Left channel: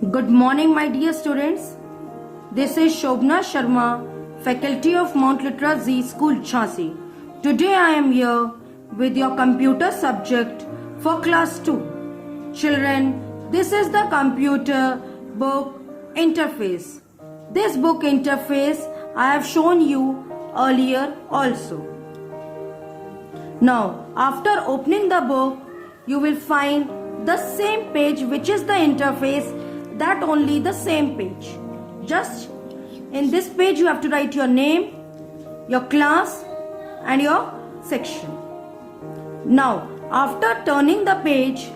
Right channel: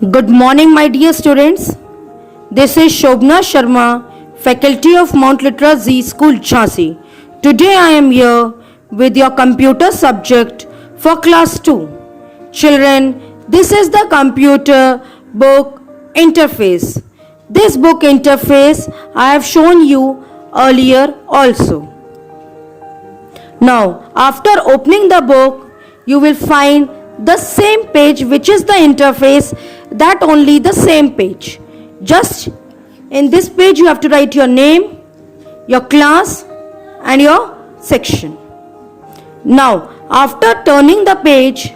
Good morning, my dear students. This is Shobna Sharma, Faculty of Mount Litra Z School, Jhansi. Today I am here with your computer subject for class 2. Children, this is the computer book interface. This book interface I have shown you earlier also. Now, after opening the book, you will find the same page, which is the interface, that only the same page. Just in this page you have to write your name, your class and your section. Now, after turning the page,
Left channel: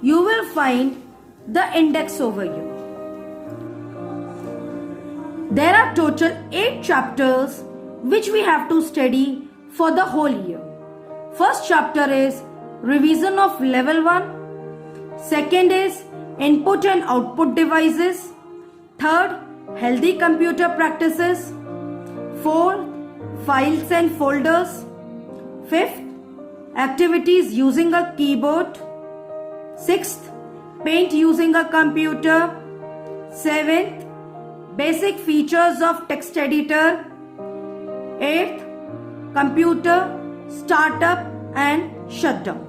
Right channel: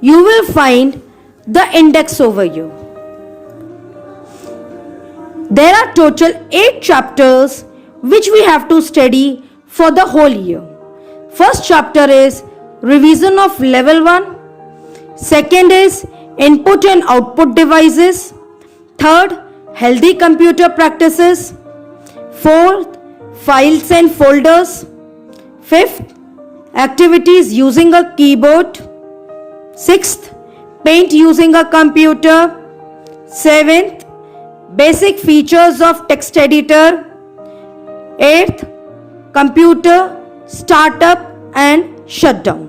you will find the index overview. There are total 8 chapters which we have to study for the whole year. First chapter is revision of level 1. Second is input and output devices. Third, healthy computer practices. Fourth, files and folders. Fifth, activities using a keyboard. Sixth, paint using a computer. Seventh, basic features of text editor. Eighth, computer startup and shutdown.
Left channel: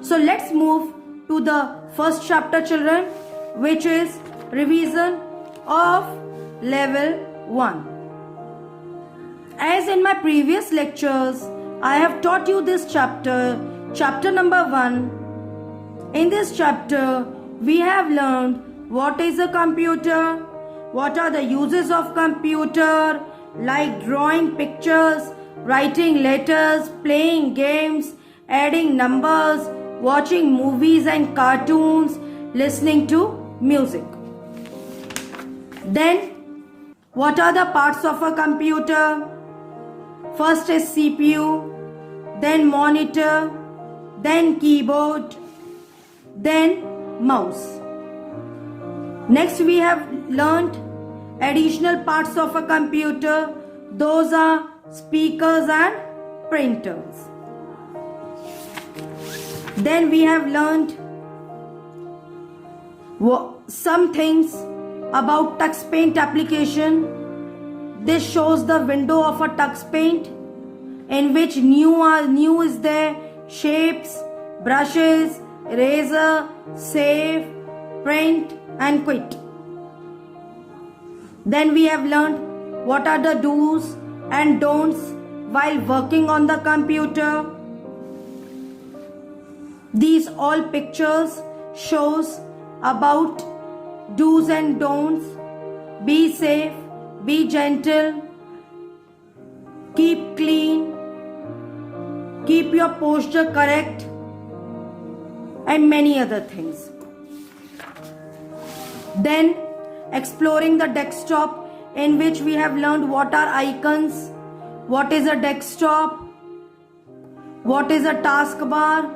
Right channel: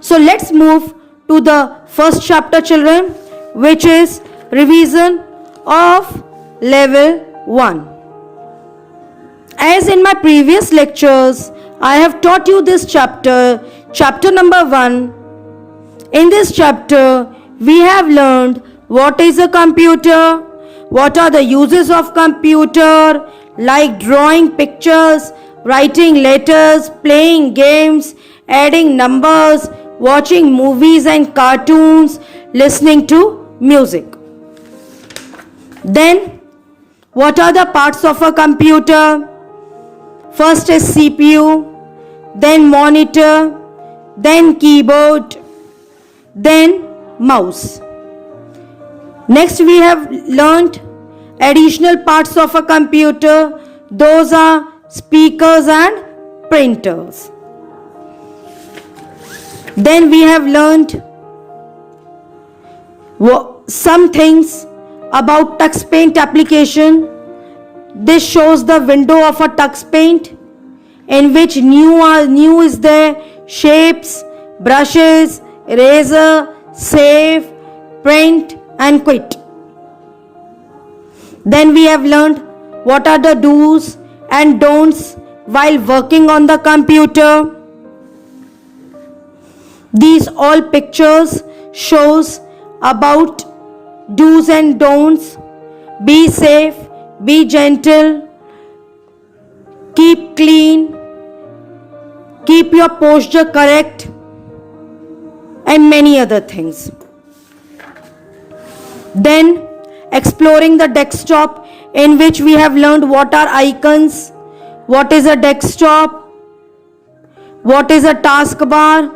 So let's move to the first chapter, children, which is revision of level 1. As in my previous lectures, I have taught you this chapter number 1. In this chapter, we have learned what is a computer, what are the uses of computer, like drawing pictures, writing letters, playing games, adding numbers, watching movies and cartoons, listening to music. Then, what are the parts of a computer? First is CPU, then monitor, then keyboard, then mouse. Next, we have learned additional parts of a computer. Those are speakers and printers. Then we have learned some things about Tux Paint application. This shows the window of a Tux Paint, in which new is there: shapes, brushes, eraser, save, print and quit. Then we have learned what are the do's and don'ts while working on the computer. These all pictures shows about do's and don'ts. Be safe, be gentle, keep clean, keep your posture correct, and many other things. Then exploring the desktop, in which we have learned what are icons, what is a desktop, what is a taskbar,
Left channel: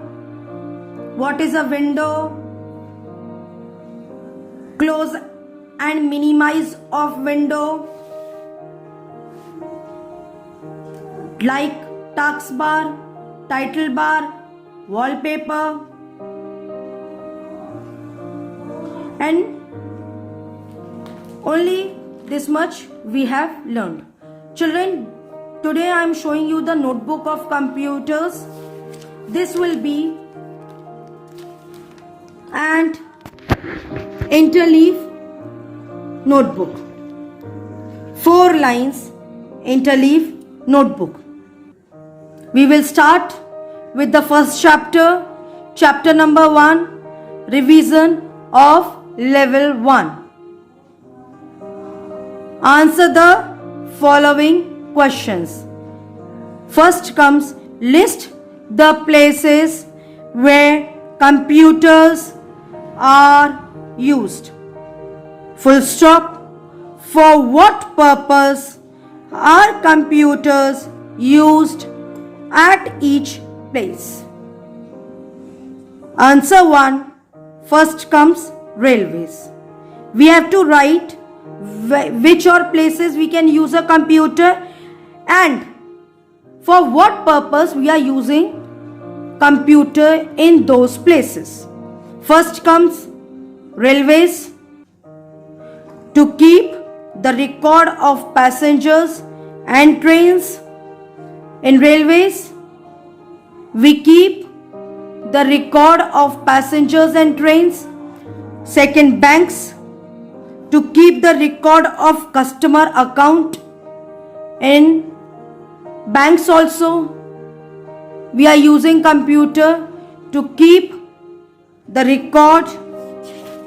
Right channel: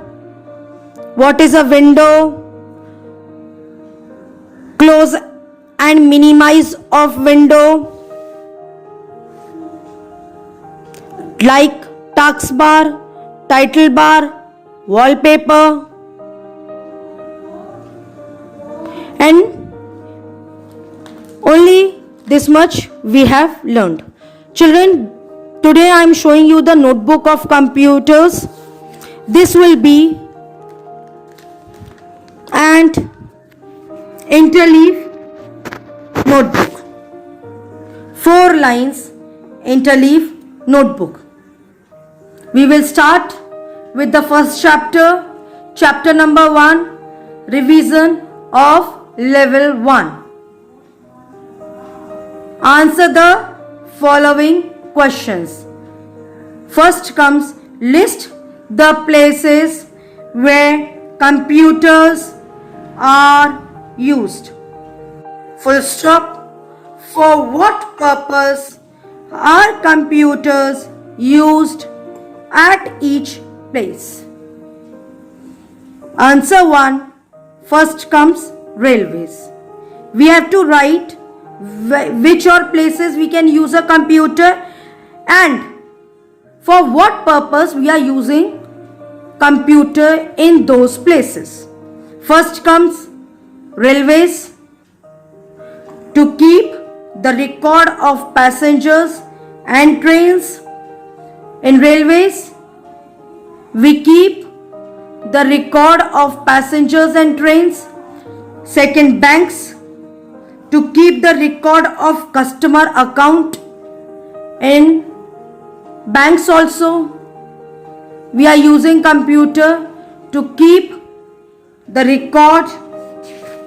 what is a window, close and minimize of window, like taskbar, title bar, wallpaper, and only this much we have learned. Children, today I am showing you the notebook of computers. This will be and interleaf notebook. 4 lines interleaf notebook. We will start with the first chapter, chapter number 1, revision of level 1. Answer the following questions. First comes, list the places where computers are used. Full stop. For what purpose are computers used at each place? Answer 1. First comes railways. We have to write which are places we can use a computer and for what purpose we are using computer in those places. First comes railways, to keep the record of passengers and trains. In railways, we keep the record of passengers and trains. Second, banks, to keep the record of customer account. In banks also, we are using computer to keep the record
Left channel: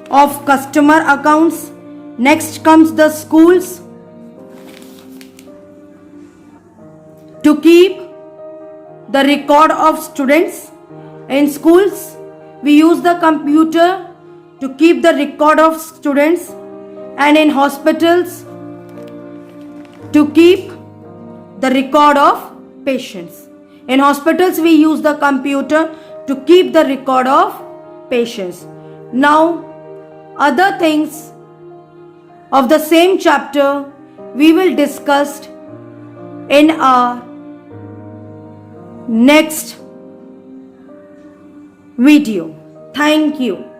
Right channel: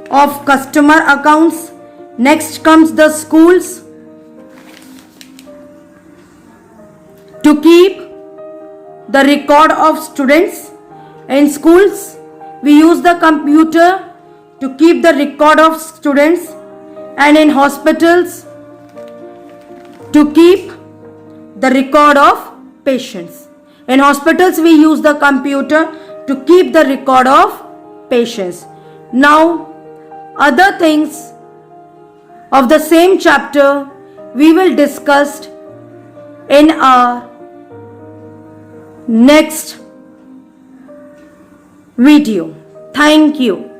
of customer accounts. Next comes the schools, to keep the record of students. In schools, we use the computer to keep the record of students. And in hospitals, to keep the record of patients. In hospitals, we use the computer to keep the record of patients. Now, other things of the same chapter we will discuss in our next video. Thank you.